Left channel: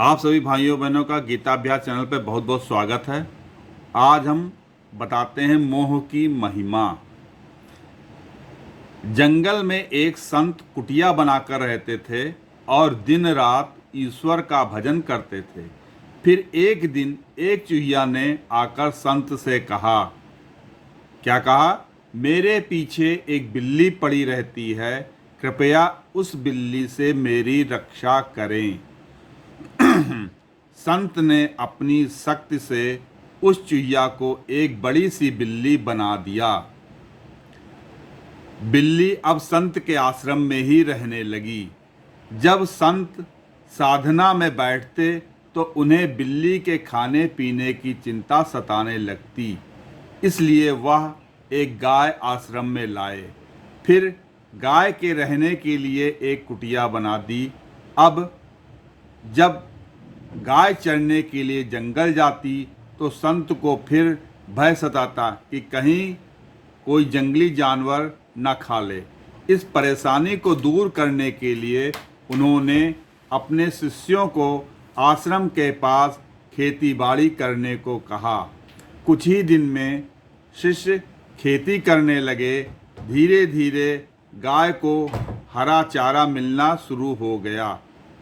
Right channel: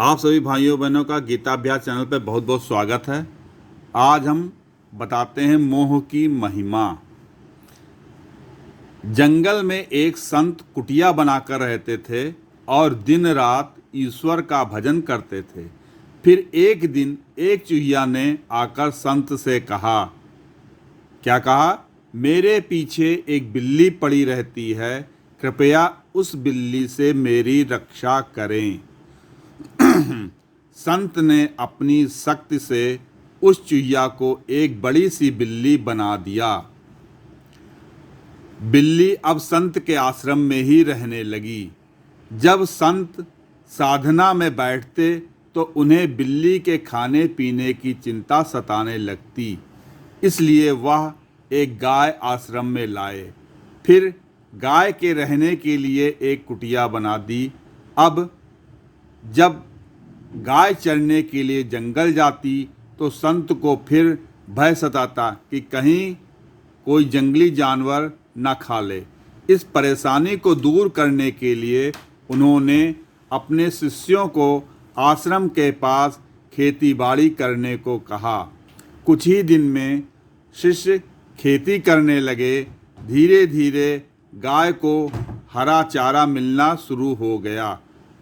आप सभी भाइयों बहनों का गीताभ्यास चैनल पर बहुत बहुत स्वागत है। आज हम बताते हैं मोह की महिमा। जंगल में एक संत कुटिया बनाकर रहते थे और दिन रात ईश्वर का भजन करते थे। फिर एक दिन एक चूहिया ने आकर संत से कहा। क्या कहा? मेरे पीछे एक बिल्ली पड़ी रहती है, कृपया उस बिल्ली से मेरी रक्षा करें। संत ने अपनी शक्ति से उस चूहिया को एक बड़ी सी बिल्ली बना दिया। बिल्ली अब संत के आश्रम में ही रहने लगी। जब संत साधना में बैठते तो उन्हें बिल्ली के खाने पीने की चिंता सताने लगती। इसलिए वह एक गाय आश्रम में लाए। फिर गाय के रहने के लिए एक कुटिया बना दी। अब जब गाय चरने के लिए जंगल जाती तो संत को फिर भय सताता कि कहीं कोई जंगली जानवर न खा ले। इस परेशानी को दूर करने के लिए उन्होंने अपने शिष्यों को आश्रम के पास खेतीबाड़ी करने को कहा। कुछ ही दिन में शिष्य खेती करने लगे। धीरे धीरे गाय को हरा चारा मिलना शुरू हो गया।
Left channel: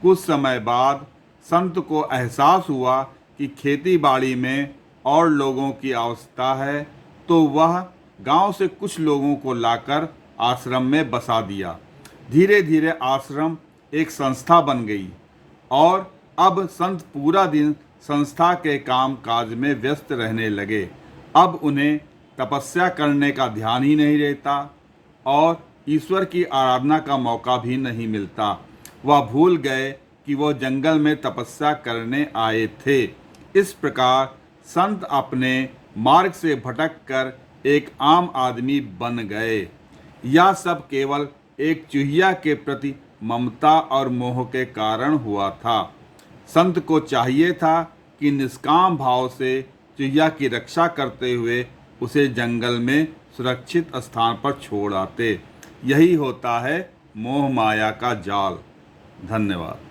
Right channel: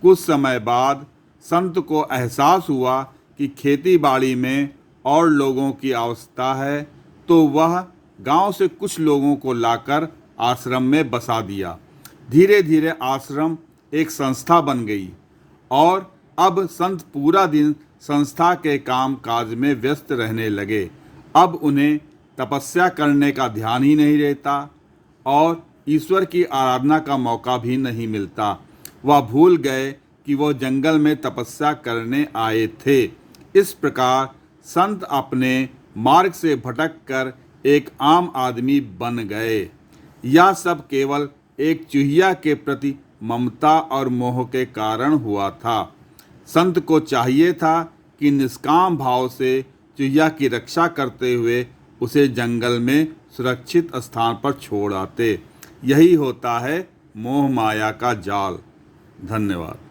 कुछ समय बाद संत को एहसास हुआ कि खेतीबाड़ी में और लोगों की आवश्यकता है, तो वह गांव से कुछ लोगों को लाकर आश्रम में बसा दिया। धीरे धीरे आश्रम एक संस्था बन गई और अब संत पूरा दिन संस्था के काम काज में व्यस्त रहने लगे। अब उन्हें तपस्या करने का ध्यान ही नहीं रहता और ईश्वर की आराधना का मौका भी नहीं मिलता। वह भूल गए कि वह जंगल में तपस्या करने आए थे। इस प्रकार संत अपने मार्ग से भटक कर एक आम आदमी बन गए। यह सब केवल एक चूहिया के प्रति ममता और मोह के कारण हुआ था। संत को चाहिए था कि निष्काम भाव से चूहिया की रक्षा करते हुए उसे जंगल में सुरक्षित स्थान पर छोड़ आते। यही होता है मोह माया का जाल। धन्यवाद।